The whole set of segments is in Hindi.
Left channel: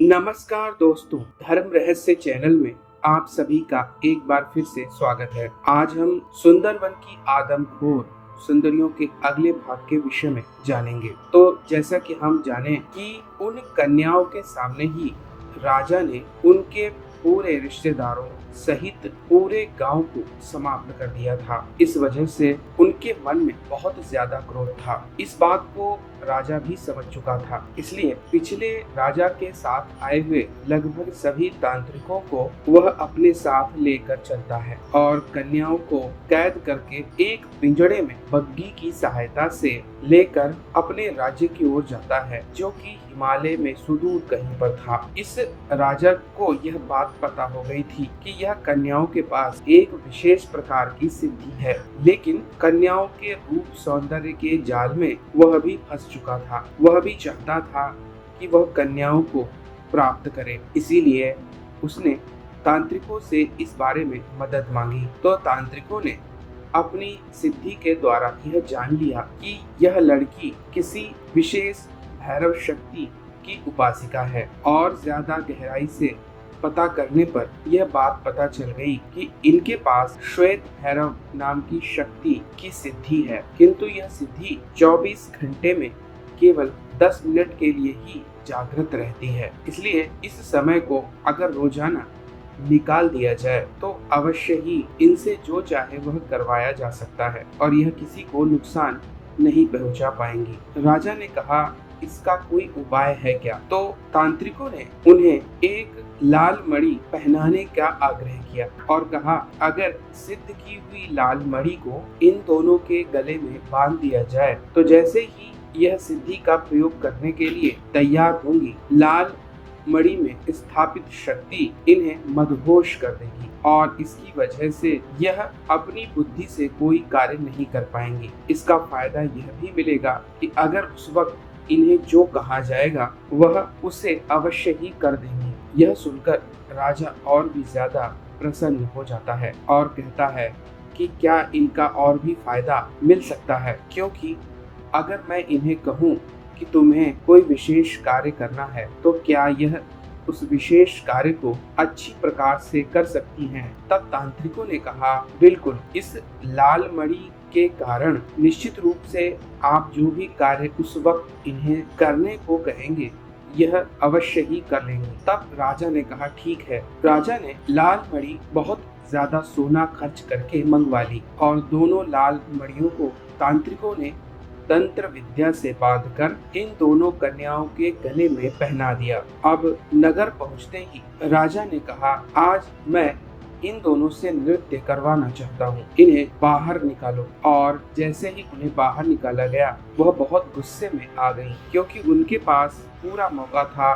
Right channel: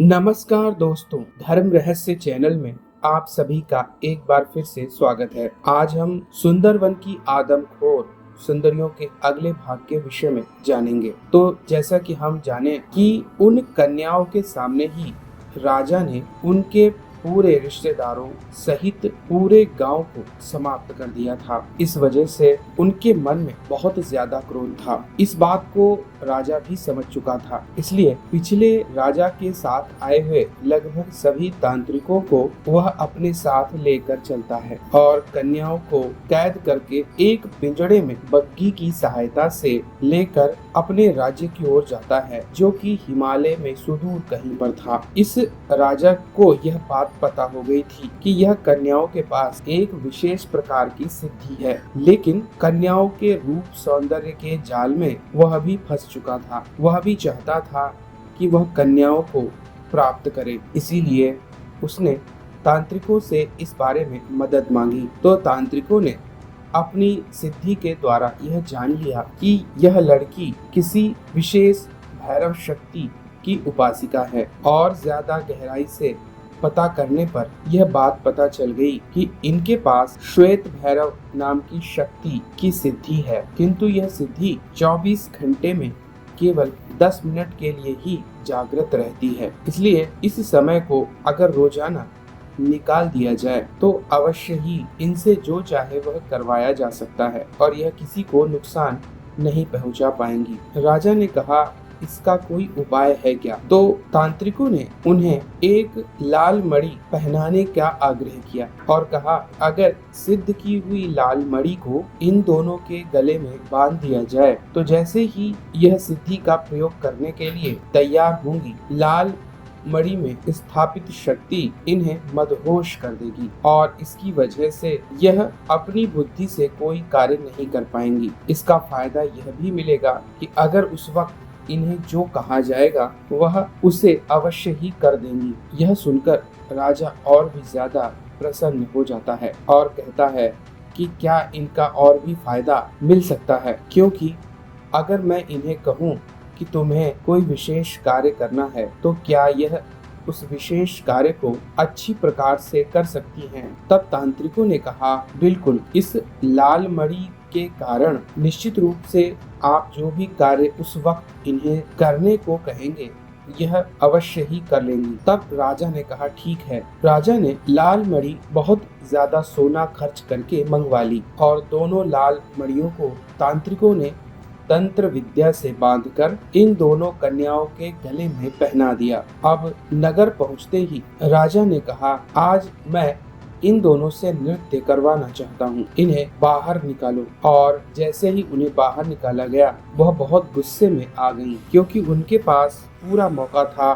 नमस्कार दोस्तों, धर्म रहस्य चैनल में आप सभी का एक बार फिर से स्वागत है। आज हम सुंदरवन की आदमखोर सुंदरियों के अगले भाग के विषय में जानेंगे। तो जैसा कि हम जाने कि उन कन्याओं के सामने ही राजा ने उनके पूरे रिश्तेदारों सहित पूरे गांव को समाप्त कर दिया था। इस वजह से उनके मन में बहुत ज्यादा क्रोध था। इस बात को राजा भी समझ चुका था, इसलिए पिछले राजा के साथ आए हुए लगभग सभी तांत्रिकों को वह अपने साथ लेकर चलता है और कन्याओं को कैद करके एक पिंजड़े में बग्घी की सहायता से लेकर अपने राज्य की ओर जाता है, जो कि हिमालय में सुदूर कहीं पर था। इस राजा को यह बात पता हो गई थी कि यह कन्याओं के पास एक विशेष प्रकार की सिद्धि है, लेकिन कन्याओं के रूप सौंदर्य के जाल में वह भी फंस चुका था। वह भी चाहता था कि वह कन्याओं को प्राप्त करे, इसीलिए उसने तांत्रिकों से इस बारे में मदद मांगी। तो तांत्रिकों ने अपनी सिद्धि के द्वारा यह जान लिया कि यह लड़की किसी विशेष भैरव शक्ति की उपासिका है और ज्यादा गहराई से पता करने पर यह बात पता चल गई कि इनके पास श्वेत भैरव नाम की शक्ति की सिद्धि है, किंतु यह सिद्धि 24 घंटे में केवल 10 मिनट के लिए ही जागृत रहती है। इसलिए इस समय को अगर रोजाना निकाल दिया जाए तो अवश्य ही इनसे जो चाहे वह करवाया जा सकता है और यह किसी को नुकसान नहीं पहुंचा पाएंगी। राजा ने कहा, इसका कोई उपाय है क्या? तो तांत्रिकों ने उन्हें एक लाल मणि पहनाने का आग्रह किया और कहा, अगर सिद्ध की हुई लाल मणि को इन दोनों के गले में बांध दिया जाए तो जैसे ही यह सिद्धि का प्रयोग करने के लिए तैयार होंगी, लाल मणि में स्थापित शक्ति इन्हें मदहोश कर देगी और इसकी वजह से यह अपनी बुद्धि से कोई कार्य नहीं कर पाएंगी। इसका फायदा यह भी मिलेगा कि अगर उस वक्त इन्हें जो कहा जाएगा वह उसे अवश्य ही कर देंगी। यह सुनकर राजा और भी ज्यादा प्रसन्न हो जाता है और कहता है कि क्या इनका और भी फायदा मिल सकता है, क्योंकि अगर मैं इन्हें कहूँ कि तुम्हें कोई विशेष कार्य करना है तो क्या यह उस विशेष कार्य को अच्छी प्रकार से कर सकती हैं। तब तांत्रिकों ने कहा, बिल्कुल, इस लाल मणि के कारण निश्चित रूप से आप जो भी कार्य उस वक्त इन्हें करने को कहेंगे यह अवश्य ही कर लेंगी। तब राजा ने कहा, ठीक है। राजा ने लाल मणि बहुत ज्यादा सोना खर्च करके मंगवा ली और दोनों लाल मणियों को तांत्रिकों ने तंत्र विद्या से बांधकर इन दोनों कन्याओं के गले में पहना दिया। अब नगर पहुंचते ही राजा ने कहा, आज मैं इन दोनों से नृत्य करवाना चाहता हूँ, इन्हें बाहर निकालो। और जैसे ही उन्हें बाहर निकाला गया वह बहुत गुस्से में आ गईं, क्योंकि उनके पास पूरा मौका था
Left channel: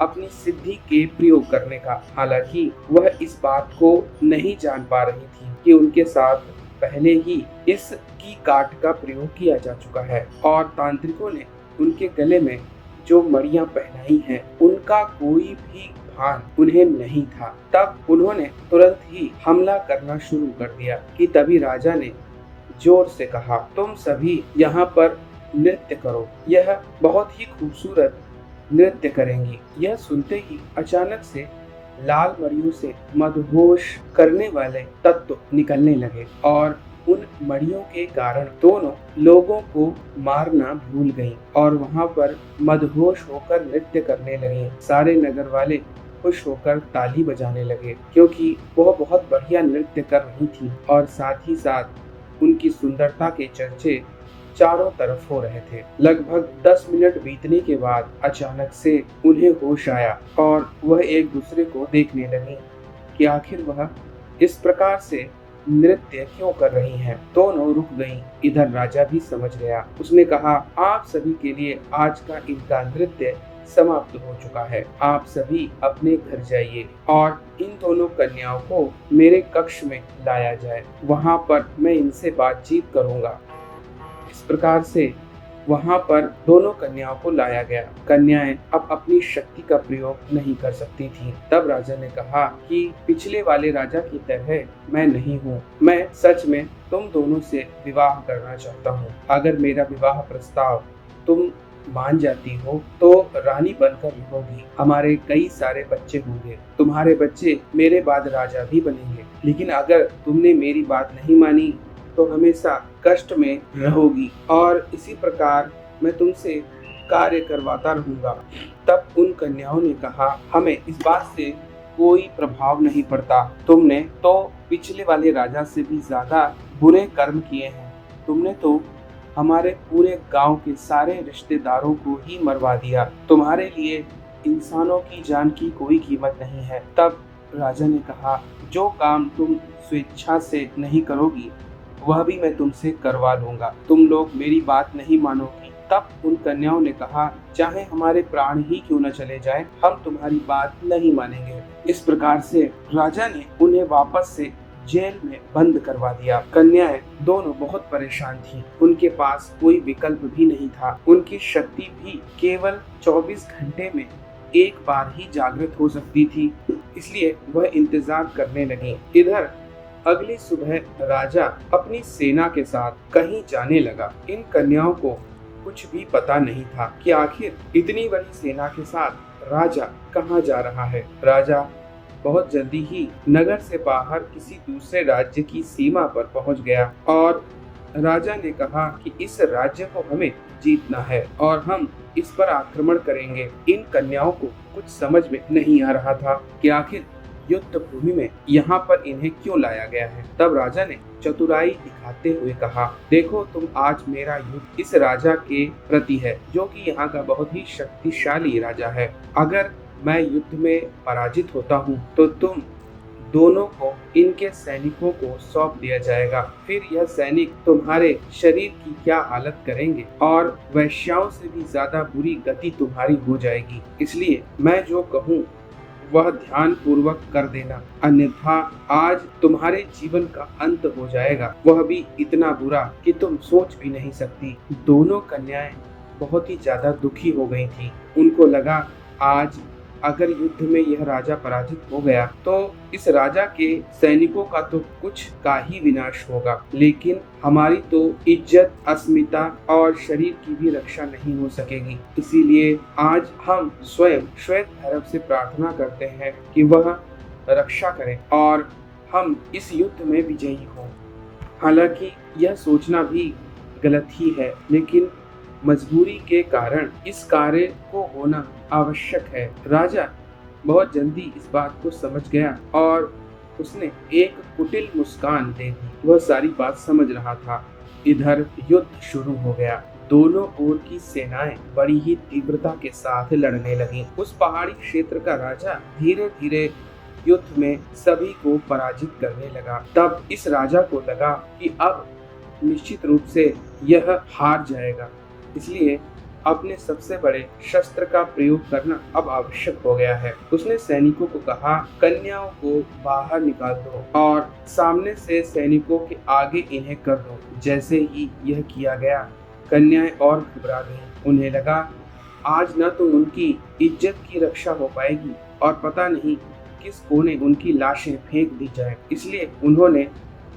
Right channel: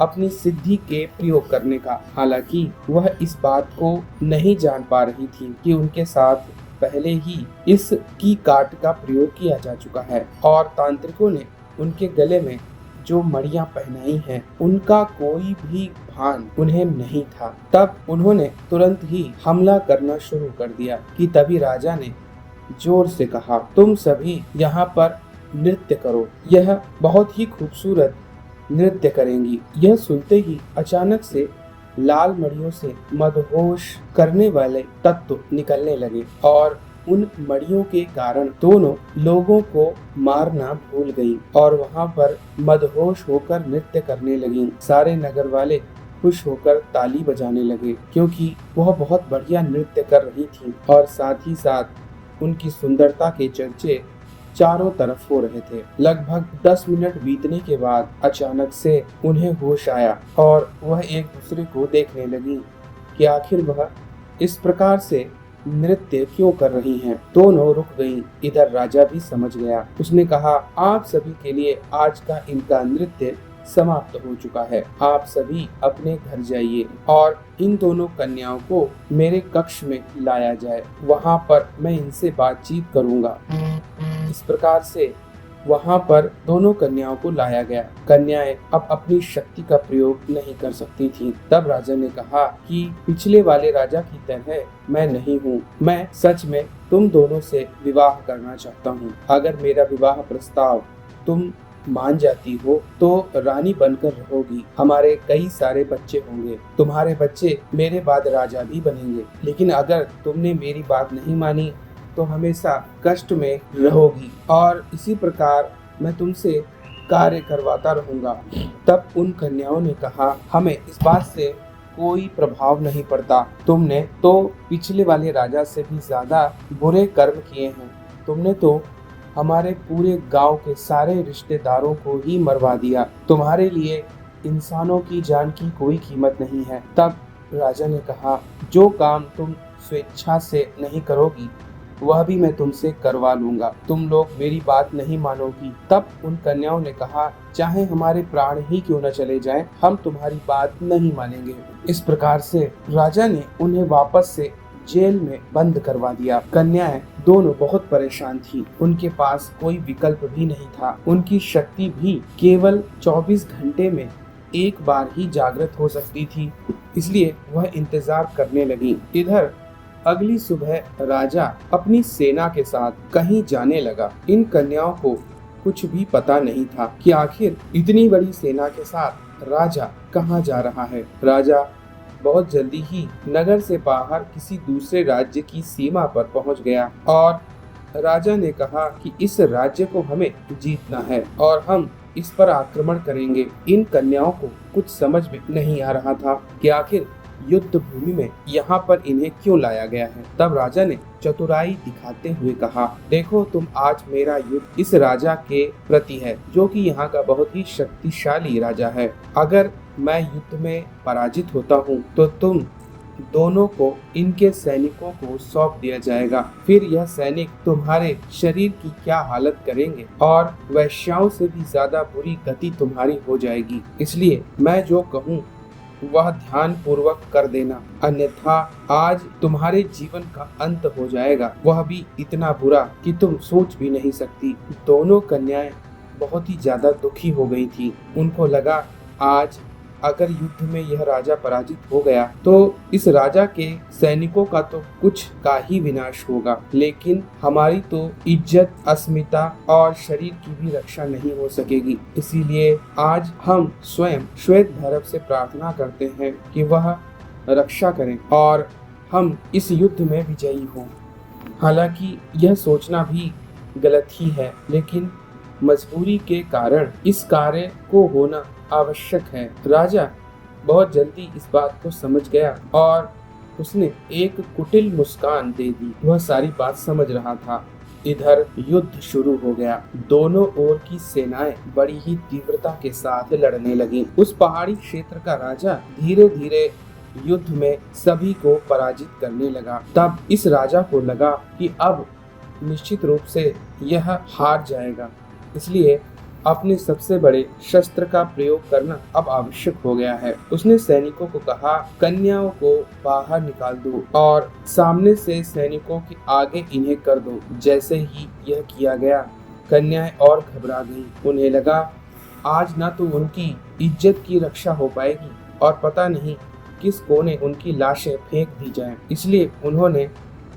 अपनी सिद्धि के प्रयोग करने का। हालांकि वह इस बात को नहीं जान पा रही थी कि उनके साथ पहले ही इस की काट का प्रयोग किया जा चुका है और तांत्रिकों ने उनके गले में जो मणियां पहनाई हैं उनका कोई भी भान उन्हें नहीं था। तब उन्होंने तुरंत ही हमला करना शुरू कर दिया कि तभी राजा ने जोर से कहा, तुम सभी यहाँ पर नृत्य करो। यह बहुत ही खूबसूरत नृत्य करेंगी। यह सुनते ही अचानक से लाल मणियों से मदहोश करने वाले तत्व निकलने लगे और उन मणियों के कारण दोनों लोगों को मारना भूल गईं और वहां पर मदहोश होकर नृत्य करने लगीं। सारे नगर वाले खुश होकर ताली बजाने लगे, क्योंकि वह बहुत बढ़िया नृत्य कर रही थीं और साथ ही साथ उनकी सुंदरता के चर्चे चारों तरफ हो रहे थे। लगभग 10 मिनट बीतने के बाद अचानक से उन्हें होश आया और वह एक दूसरे को देखने लगी कि आखिर वह इस प्रकार से नृत्य क्यों कर रही हैं। दोनों रुक गईं। इधर राजा भी समझ गया। उसने कहा, आप सभी के लिए आज का इनका नृत्य समाप्त हो चुका है। आप सभी अपने घर जाइए और इन दोनों कन्याओं को मेरे कक्ष में लाया जाए, वहां पर मैं इनसे बातचीत करूंगा। इस प्रकार से वहां पर दोनों कन्याओं को लाया गया। कन्याएं अब अपनी शक्ति का प्रयोग नहीं कर सकती थीं। तब राजा ने कहा कि पिछले वाले राजा की तरह मैं नहीं हूँ। मैं सच में तुम दोनों से विवाह करना चाहता हूँ। अगर मेरा विवाह प्रस्ताव तुम मान जाती हो तो रानी बनकर रहोगी। हमारे कई सारे बच्चे होंगे, तुम्हारे बच्चे मेरे बाद राजा भी बनेंगे। लेकिन अगर तुमने मेरी बात नहीं मानी तो हमेशा कष्ट में रहोगी और इसी प्रकार मैं तुमसे कार्य करवाता रहूंगा। तब उन कन्याओं ने कहा, हमें इस बात से कोई प्रभाव नहीं पड़ता। तुमने तो पिछले वाले राजा से भी ज्यादा बुरे कर्म किए हैं। तुमने तो हमारे पूरे गांव के सारे रिश्तेदारों को ही मरवा दिया। तुम्हारे लिए इंसानों की जान की कोई कीमत नहीं है। तब राजा ने कहा, जो काम तुम स्वेच्छा से नहीं करोगी वह भी मैं तुमसे करवा लूंगा। तुम लोग मेरी बात नहीं मानोगी। तब उन कन्याओं ने कहा, चाहे हमारे प्राण ही क्यों न चले जाएं, हम तुम्हारी बात नहीं मानेंगे। इस प्रकार से राजा ने उन्हें वापस से जेल में बंद करवा दिया। कन्याएं दोनों बहुत परेशान थीं। उनके पास कोई विकल्प भी नहीं था। उनकी शक्ति भी केवल 24 घंटे में एक बार ही जागृत हो सकती थी, इसलिए वह इंतजार करने लगी। इधर अगली सुबह राजा अपनी सेना के साथ कहीं जाने लगा। इन कन्याओं को कुछ भी पता नहीं था कि आखिर इतनी बड़ी सेना के साथ राजा कहाँ जा रहा है। राजा बहुत जल्दी ही नगर से बाहर किसी दूसरे राज्य की सीमा पर पहुंच गया और राजा ने कहा कि इस राज्य को हमें जीतना है और हम इस पर आक्रमण करेंगे। इन कन्याओं को कुछ समझ में नहीं आ रहा था कि आखिर युद्ध भूमि में यहाँ पर इन्हें क्यों लाया गया है। तब राजा ने चतुराई दिखाते हुए कहा, देखो तुम, आज मेरा युद्ध इस राजा के प्रति है जो कि यहाँ का बहुत ही शक्तिशाली राजा है। अगर मैं युद्ध में पराजित होता हूँ तो तुम दोनों को इनके सैनिकों को सौंप दिया जाएगा। फिर यह सैनिक तुम्हारे शरीर की क्या हालत करेंगे और वैश्याओं से भी ज्यादा बुरी गति तुम्हारी हो जाएगी। इसलिए मैं जो कहूँ वह ध्यान पूर्वक कर देना, अन्यथा आज तुम्हारे जीवन का अंत हो जाएगा, वह भी इतना बुरा कि तुम सोच भी नहीं सकती। दोनों कन्याएं बहुत ही ज्यादा दुखी हो गई थी। उनको लगा आज अगर युद्ध में यह राजा पराजित हो गया तो इस राजा के सैनिकों का तो कुछ का ही विनाश होगा, लेकिन हमारी तो इज्जत, अस्मिता और शरीर की भी रक्षा नहीं हो सकेगी। इसीलिए आज हम स्वयं श्वेत भैरव से प्रार्थना करते हैं कि वह रक्षा करें और हम इस युद्ध में विजयी हों। हालांकि यह सोचना भी गलत ही है, लेकिन मजबूरी के कारण इस कार्य को होना आवश्यक है। राजा बहुत जल्दी इस बात को समझ गया और उसने एक कुटिल मुस्कान दे दी। वह सारी बात समझ रहा था। इधर युद्ध शुरू हो गया। दोनों ओर की सेनाएं बड़ी ही तीव्रता के साथ लड़ने लगीं। उस पहाड़ी क्षेत्र का राजा धीरे धीरे युद्ध में सभी को पराजित करने लगा। तब इस राजा को लगा कि अब निश्चित रूप से यह हार जाएगा, इसलिए अपने सबसे बड़े शस्त्र का प्रयोग करना अब आवश्यक हो गया है। उसने सैनिकों को कहा, कन्याओं को बाहर निकाल दो और सामने से सैनिकों के आगे इन्हें कर दो। जैसे ही यह किया गया, कन्याएं और घबरा गईं। उन्हें लगा आज न तो उनकी इज्जत की रक्षा हो पाएगी और पता नहीं किस कोने उनकी लाशें फेंक दी जाएं। इसलिए उन्होंने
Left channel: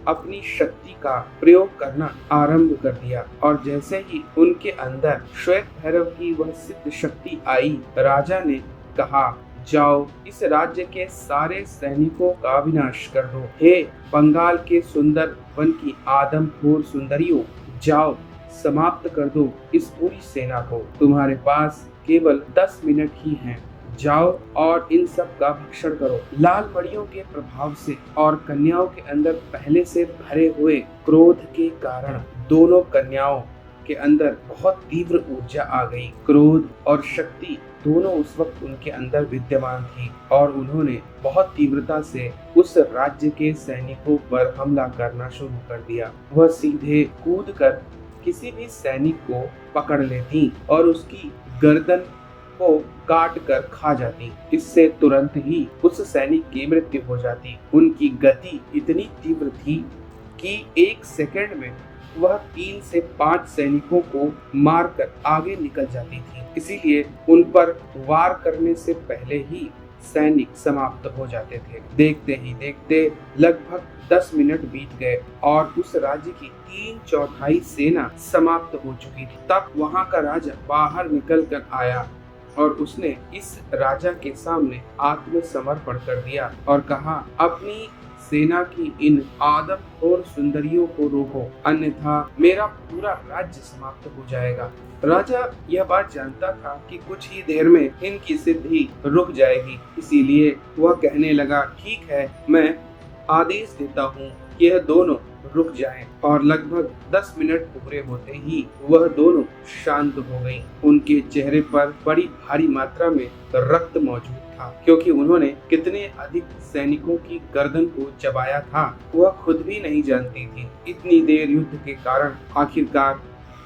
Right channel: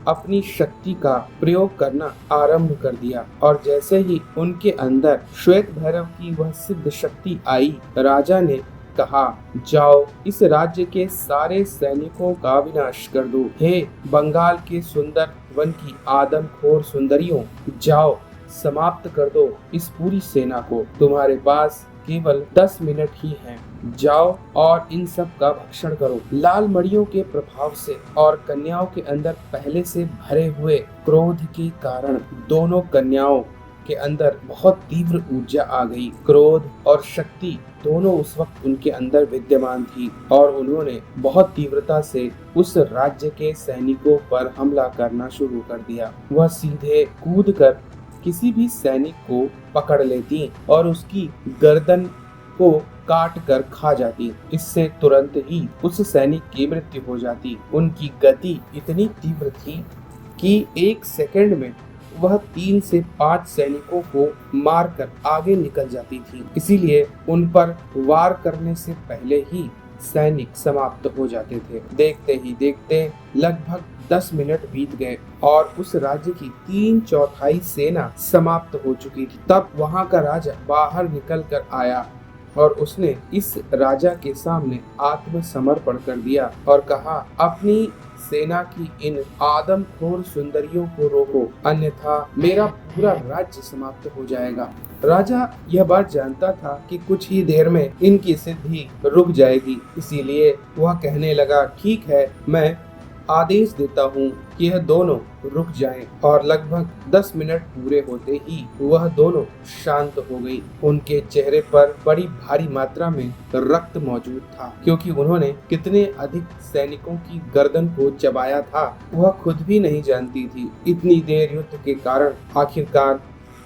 अपनी शक्ति का प्रयोग करना आरंभ कर दिया और जैसे ही उनके अंदर श्वेत भैरव की वह सिद्ध शक्ति आई, राजा ने कहा, जाओ इस राज्य के सारे सैनिकों का विनाश कर दो। हे बंगाल के सुंदर वन की आदमखोर सुंदरियों, जाओ समाप्त कर दो इस पूरी सेना को। तुम्हारे पास केवल 10 मिनट ही हैं। जाओ और इन सब का भक्षण करो। लाल मड़ियों के प्रभाव से और कन्याओं के अंदर पहले से भरे हुए क्रोध के कारण दोनों कन्याओं के अंदर बहुत तीव्र ऊर्जा आ गई। क्रोध और शक्ति दोनों उस वक्त उनके अंदर विद्यमान थी और उन्होंने बहुत तीव्रता से उस राज्य के सैनिकों पर हमला करना शुरू कर दिया। वह सीधे कूदकर किसी भी सैनिक को पकड़ लेती और उसकी गर्दन को काट कर खा जाती। इससे तुरंत ही उस सैनिक की मृत्यु हो जाती। उनकी गति इतनी तीव्र थी कि 1 सेकंड में वह 3 से 5 सैनिकों को मारकर आगे निकल जाती थी। इसीलिए उन पर वार करने से पहले ही सैनिक समाप्त हो जाते थे। देखते ही देखते लगभग 10 मिनट बीत गए और उस राज्य की 3/4 सेना समाप्त हो चुकी थी। तब वहां का राजा बाहर निकल कर आया और उसने इस राजा के सामने आत्मसमर्पण कर दिया और कहा, अपनी सेना की इन आदमखोर सुंदरियों को रोको, अन्यथा मेरा पूरा राज्य समाप्त हो जाएगा। राजा यह बात जानता था कि कुछ ही देर में इनकी सिद्धि रुक जाएगी, इसीलिए वह कहने लगा, ठीक है, मैं आदेश देता हूँ कि यह दोनों रुक जाएं। और लगभग 10 मिनट पूरे होते ही वह दोनों शांत हो गईं। उनके चेहरे पर बड़ी भारी मात्रा में रक्त मौजूद था, क्योंकि उन्होंने कितने अधिक सैनिकों की गर्दन को चबाया था वह खुद भी नहीं जानती थी। इतनी देर युद्ध के कारण आखिरकार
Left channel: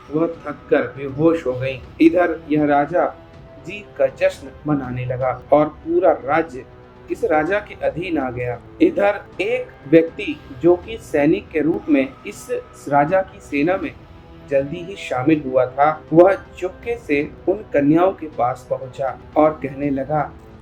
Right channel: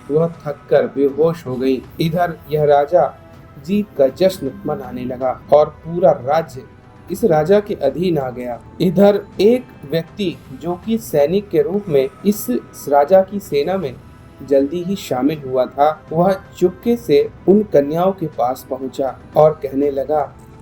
वह थक कर बेहोश हो गई। इधर यह राजा जीत का जश्न मनाने लगा और पूरा राज्य इस राजा के अधीन आ गया। इधर एक व्यक्ति जो कि सैनिक के रूप में इस राजा की सेना में जल्दी ही शामिल हुआ था, वह चुपके से उन कन्याओं के पास पहुंचा और कहने लगा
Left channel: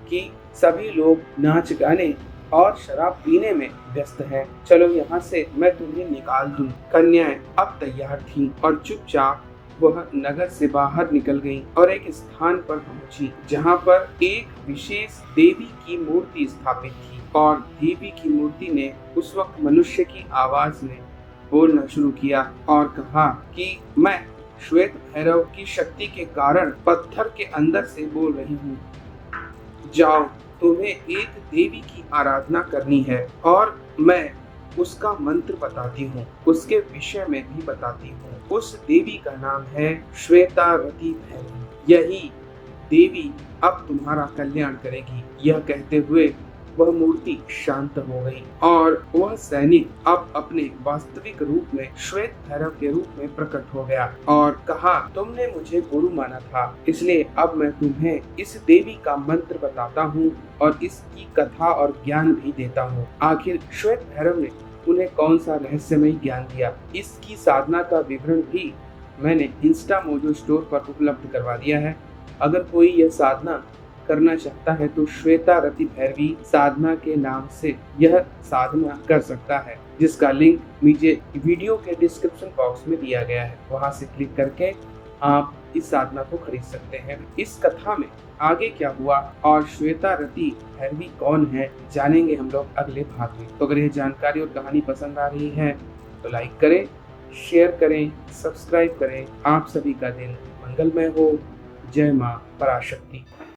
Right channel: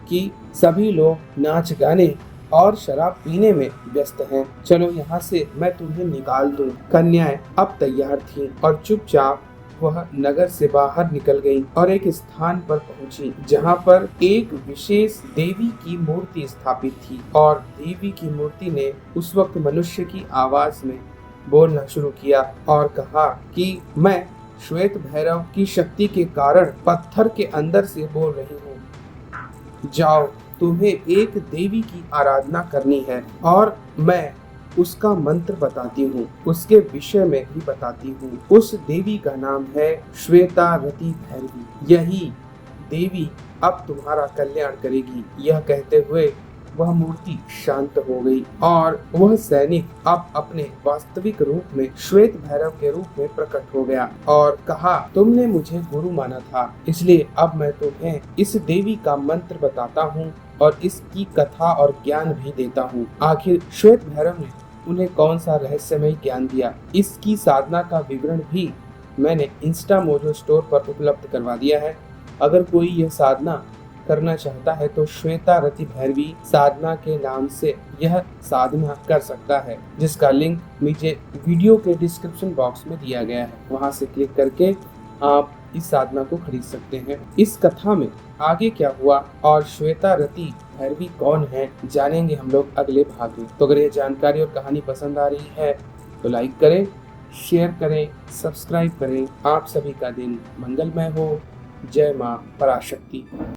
कि सभी लोग नाच गाने और शराब पीने में व्यस्त हैं, चलो यहाँ से मैं तुम्हें निकाल दूं। कन्याएं अब तैयार थीं और चुपचाप वह नगर से बाहर निकल गईं और एक स्थान पर पहुंची जहां पर एक विशेष देवी की मूर्ति स्थापित थी और देवी की मूर्ति ने उस वक्त मनुष्य की आवाज में बोलना शुरू किया और कहा कि मैं श्वेत भैरव की शक्ति के कारण पत्थर के अंदर से बोल रही हूँ। जाओ, तुम्हें एक देवी की आराधना करनी है और मैं उसका मंत्र बताती हूँ, उसके विषय में भी बताती हूँ। उस देवी का नाम है श्वेतावती भैरवी। यही देवी अब तुम्हारा कल्याण करेगी। यह कहते हुए वह मूर्ति शांत हो गई और वह सैनिक अब अपने वास्तविक रूप में श्वेत भैरव के रूप में प्रकट हो गया और कहा, तुमने मुझे गुरु माना था, इसलिए अब मैं तुम्हें इस देवी का मंत्र बताता हूँ और इसकी कथा और ज्ञान भी देता हूँ। आखिर श्वेत भैरव ने उन्हें कौन सा रहस्यमय ज्ञान दिया, इसकी साधना का विवरण भी मैंने इंस्टा मोजो स्टोर पर उपलब्ध करवा दिया है। अगर कोई यह साधना करना चाहता है तो श्वेतारती भैरवी साधना के नाम से यह साधना कर सकता है, जिसका लिंक नीचे वीडियो के डिस्क्रिप्शन बॉक्स में दिया गया है। वहां से क्लिक करके आप इस साधना को खरीद सकते हैं। इस कथा में आगे क्या हुआ और श्वेतारती भैरवी कौन है, जानेंगे हम लोग अगले भाग में। तो अगर यह जानकारी और कहानी पसंद आ रही है तो लाइक करें, शेयर करें, सब्सक्राइब करें। आप सभी का दिन मंगलमय हो। जय मां पराशक्ति।